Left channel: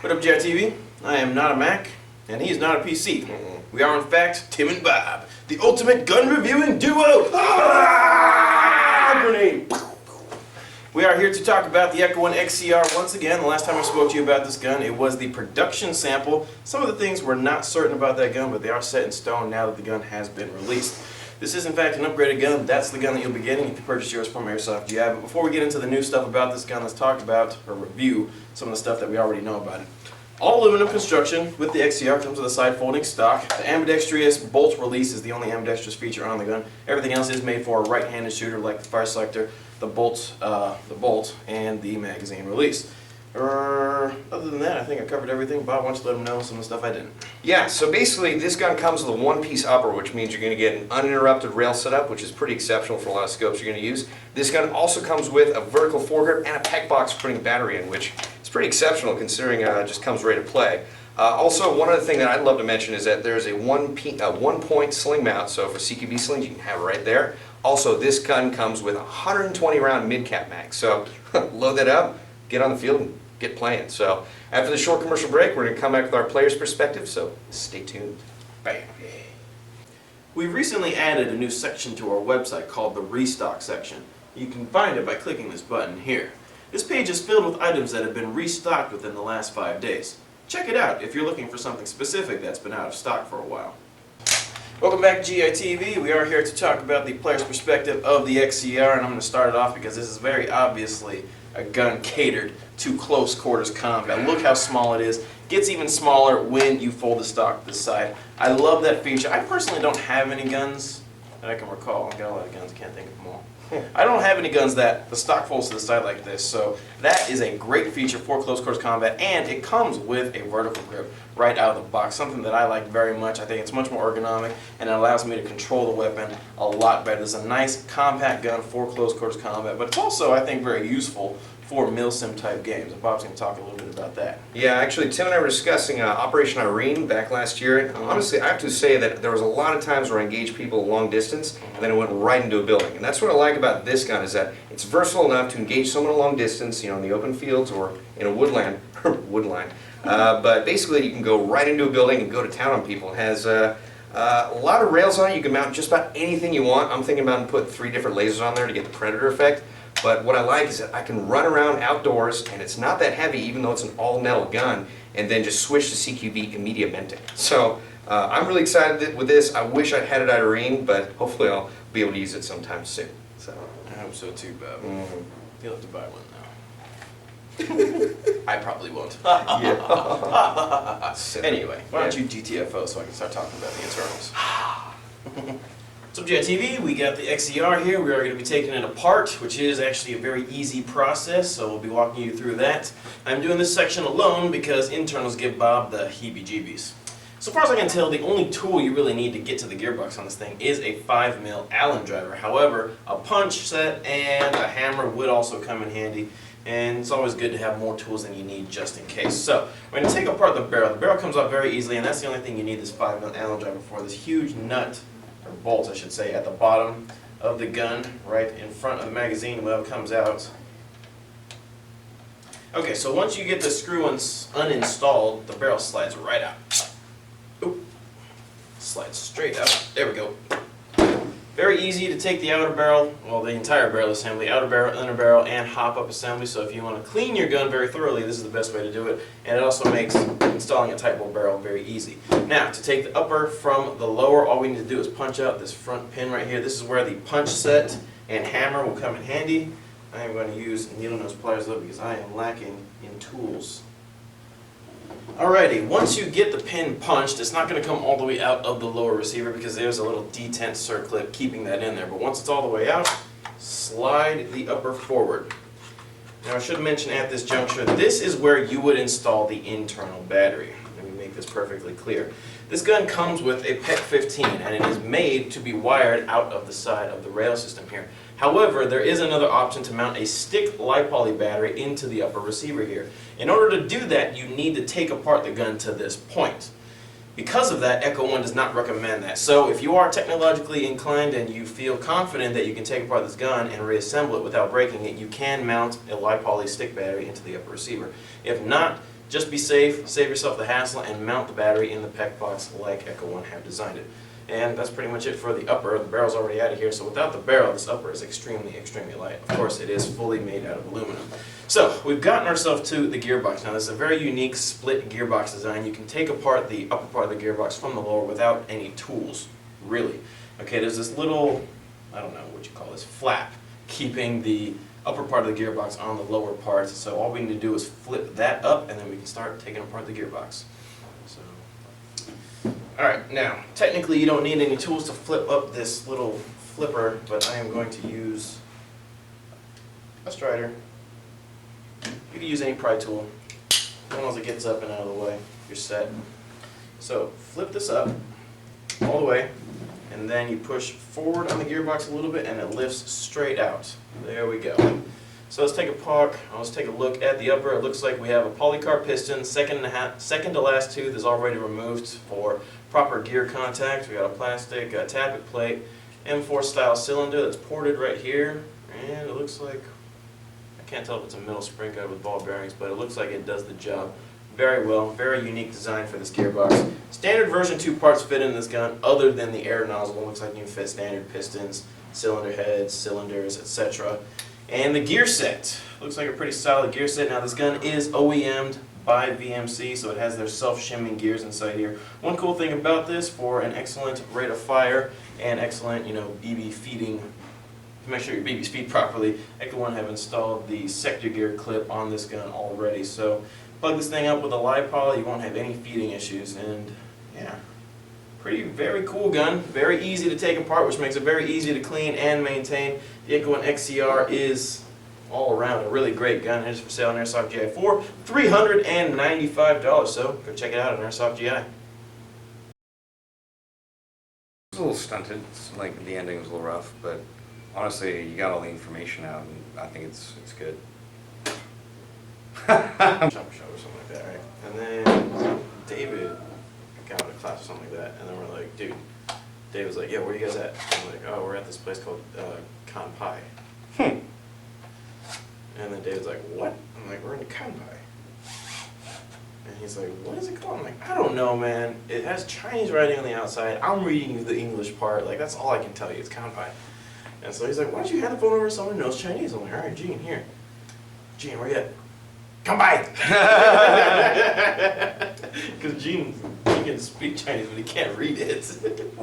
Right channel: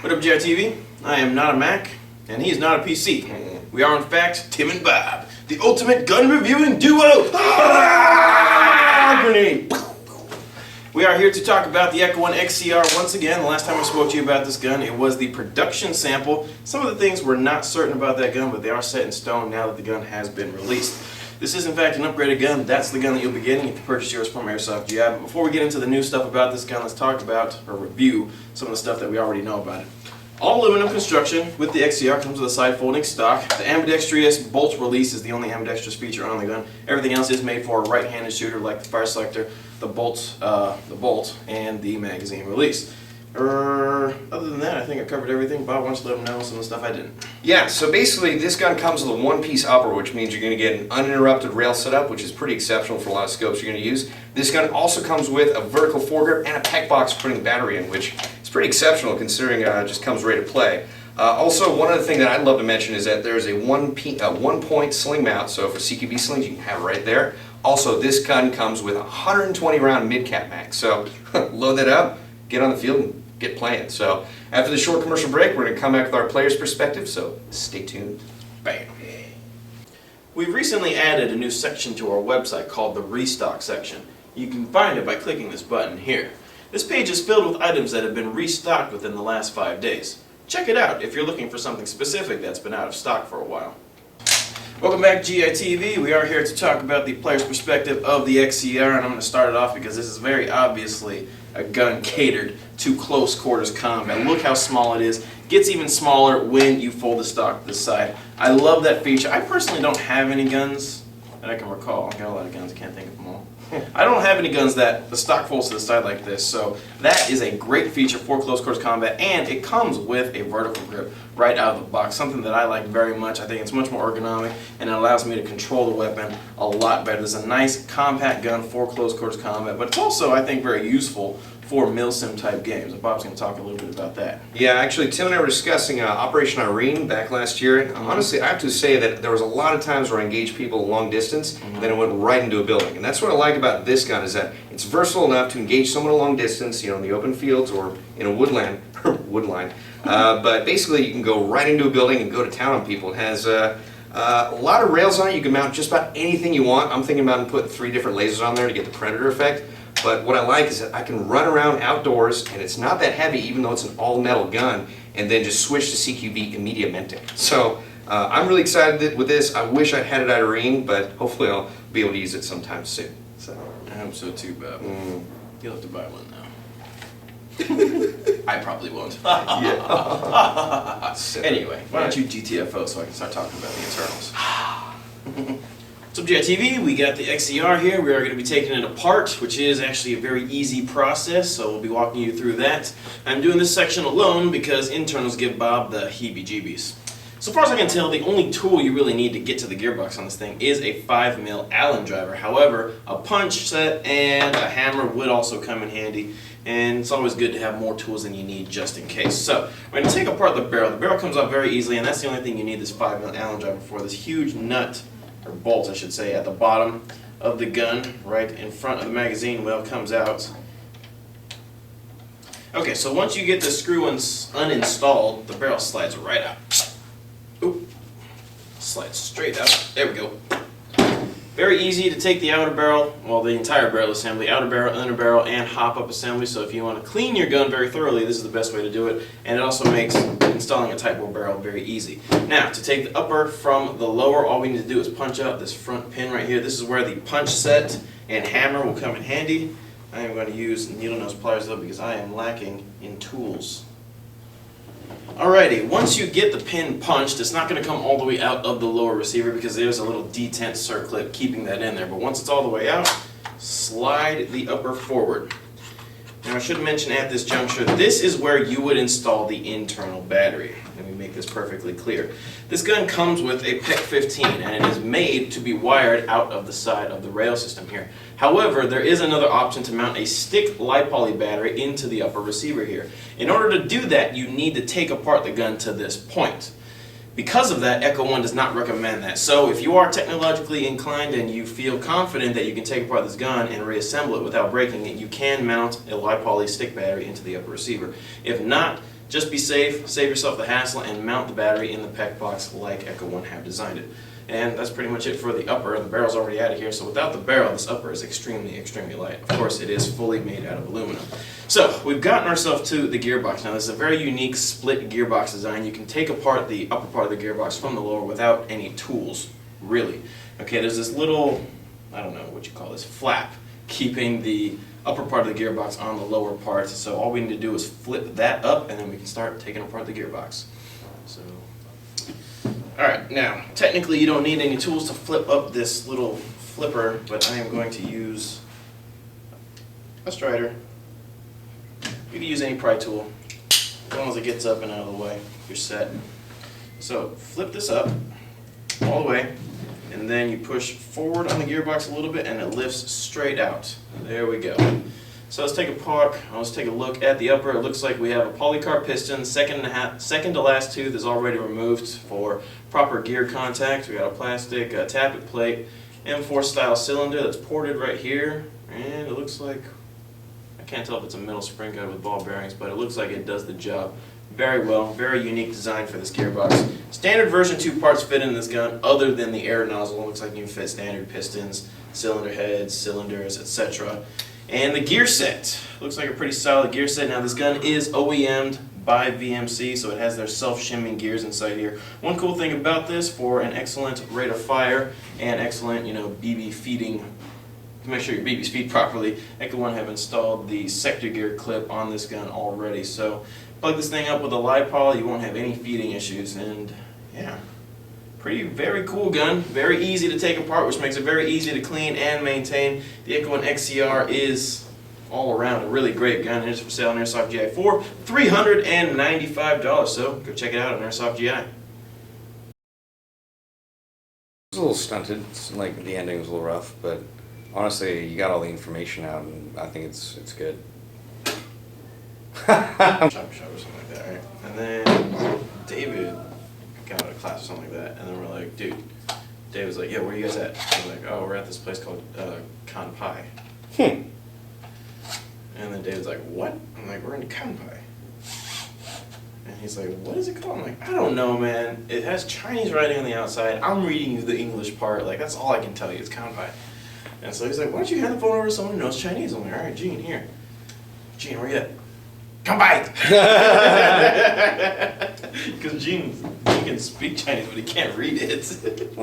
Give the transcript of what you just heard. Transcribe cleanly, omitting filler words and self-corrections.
What up, JTV? I am not a Mac, and he is not a PC. We are, in fact, Tim and Bob, the ultimate gun reviewing duo. Grenade. We are here to talk about the Echo One XCR once again. The last time I spoke to you about this gun, it was the production sample. Some of the things we're not certain about that gun, but they are set in stone now that the gun has been released. This is in fact an upgraded gun. That's the gun that you'll be getting if you purchase yours from Airsoft GI. But before we get into the new stuff about this gun, let's talk about or review some of the stuff that we already know about it. All aluminum construction with the XCR comes with a side folding stock. The ambidextrous bolt release is the only ambidextrous feature on the gun. Everything else is made for a right-handed shooter, like the fire selector, the bolt, and the magazine release. Other than that, I think I covered everything. Bob, why don't you let them know some of the stuff I didn't? Yeah, so basically this gun comes with a one-piece upper, which means you're going to get an uninterrupted rail setup, which is pretty exceptional for a lot of scopes you're going to use. This gun also comes with a vertical foregrip and a pec box for putting the battery in, which is pretty exceptional considering it just comes ready to play. Also, one other thing that I'd love to mention is that there's a one-point sling mount, so for CQB slings you can have it right there. Also, this gun comes with a 120-round mid-cap mag, so load that up, get on the field, and get playing. So after the short commercial break, we're going to come back with our player's perspective, so stay tuned. Bam. We've recently added a new section to our website called the Restock section. You can find it by clicking this button here. This page is filled with items that have been restocked within the last 5 days. Check it out if you're looking for something specific that's been out of stock for a while. Welcome back to GITV. We are here to talk about the player's perspective of the XCR, and I'm going to start it off because this is very obviously a gun catered to close quarters combat. Look how small it is. Gets even smaller when you fold the stock to the side. I love that feature. I personally don't have any guns that I can recall. I've got a lot of guns, I can't think of them all. I don't have any guns that the stock folds to the side like this, so that is a great feature for close quarters combat, and it comes with a vertical grip right out of the box, something that I like very much. I think it's much more ergonomic, and it allows me to control the weapon a lot better. It's a nice compact gun for close quarters combat, but it's also, I think, very useful for milsim type games. And Bob's going to talk a little bit about that. Yeah, actually, Tim and I were discussing Operation Irene back last year, and honestly, I have to say that there was a lot of times where I engaged people long distance, and then it went right into a building. And that's what I like about this gun, is that it's versatile enough to engage someone a long distance, you know, in the open fields or in a woodland, woodline. But basically, you can go right into a building and go to town on people. It has a lot of rails on it. You can mount just about anything you want. I'm thinking about putting 3 different lasers on there to get the predator effect. But what I like is that I can run around outdoors, and it's not that heavy, even though it's an all-metal gun, and then just switch to CQB immediatamente. So I'm really excited with this. I wish I had it at Irene, but hopefully I'll be able to use it sometime soon. So I hope so too, Bob. You'll have to buy one now. I probably won't. Anyway, why don't you GTFO so I can start talking about the internals. So GITV, we got the XCR here. We are going to be taking it apart, which is actually a very easy process, so we'll be walking you through that. I'm doing this section alone because internals give Bob the heebie-jeebies. So far as I can tell, the only tool you really need to get to the gearbox on this thing is a 5mm Allen driver. However, a punch set and a hammer would also come in handy, and it's always good to have more tools than you need just in case. So we're going to take apart the barrel. The barrel comes off very easily, and that's the only thing you need this 5mm Allen driver for. This huge nut, or bolt I should say, at the bottom of the gun, right in front of the magazine well comes out. Okay, so once you get the screw uninstalled, the barrel slides right out. Oop. Slides straight out. There we go. Very easy to take the outer barrel, well, the entire barrel assembly, outer barrel, inner barrel, and hop-up assembly. So if you want to clean your gun very thoroughly, this is the best way to do it. And it also makes installing a Type 4 barrel very easy. Now, to take the upper from the lower, all we need to do is punch out this front pin right here. This is where the punch set and hammer will come in handy. I am going to use needle nose pliers though because I am lacking in tools. Alrighty, once you get the pin punched, it's not going to come all the way out of the lower receiver because there's a little detent circlip keeping that in there. But once it's all the way out, slide the upper forward. Now I should mention at this juncture, this is where you would install the internal battery. Let me make this perfectly clear. This gun comes with a PEC 15 and it is made to be wired out of the side of the rail system here. However, there is another option to mount a stick lipoly battery into the upper receiver here. In order to do that, you need to take apart the gun to this point. Because of that, Echo One does not recommend that. So if you are technologically inclined and you feel confident that you can take apart this gun and reassemble it without breaking it, you can mount a lipoly stick battery into the upper receiver. If not, Just be safe, save yourself the hassle, and mount the battery in the PEC box like Echo One have designed it. And that's pretty much it for the upper. The barrel's already out of here, so without the barrel, this upper is extremely, extremely light. Of course, it is fully made out of aluminum. So, we've gotten ourselves to the gearbox. Now, this is a very unique split gearbox design. You can take apart the upper part of the gearbox from the lower without any tools, really. Okay, there's this little, I don't know what you call this, flap, keeping the upper part of the gearbox on the lower part. So all we need to do is flip that up, and then we can start taking apart the gearbox. So, alright, now, technically you don't need any tools to flip up this little flipper, but I am going to use a strider. You can use any pry tool. As long as it gets up and out of the way, you're set. So, flip this up all the way, and then you push forward on the gearbox a little bit, and it lifts straight out. There we go. So let's take a look at the upper. It looks like we have a polycarb piston, second to last tooth is already removed for proper gear contact. We got a plastic tappet plate, M4 style cylinder that's ported right here, and it looks like, I can't tell if it's a metal spring guide with ball bearings, but it looks like it does the job very well. Very unique design for this gearbox. Standard version 2 parts fit in this gun other than the air nozzle. It looks like you can fit standard pistons, cylinder heads, cylinders, etc. And the gear set looks like a pretty solid gear set. Now this gun is OEM'd by VMC, so it has their self-shimming gears inside here. One cool thing about this, for an excellent rate of fire and excellent, BB feeding, to make sure your BB's feed properly, Echo One have installed the sector gear clip on this gun already. So plug this thing up with a LiPol, you won't have any feeding issues, and yeah. Very cool gun, very easy to take apart, which makes it very easy to clean and maintain. The Echo One XCR is all around a really great gun. It is for sale on Airsoft GI for $395, so go check it out on Airsoft GI. It's a little stunted, it's like the ending was a little rough, but honestly, you got all the information out, and I think it's good. Chopper shop or something like that, right? And then David got out of class or something like that, and then we're like, dude, Dave was like, yeah, where are you guys at? I was like, oh, we're at this place called Kanpai. And then David's like, what? I'm like, we're in Kanpai. And he's like, what is it called? I'm like, I don't know, man. It has Chinese writing on the outside. I'm reading you the English part. Like, that's all I can tell you. It's Kanpai. And so he's like, why don't you hand the phone over to someone who knows Chinese? I'm like, all right, Gene, here. Gene, where you at? Kanpai! Because Gene can speak Chinese, but he can't read it.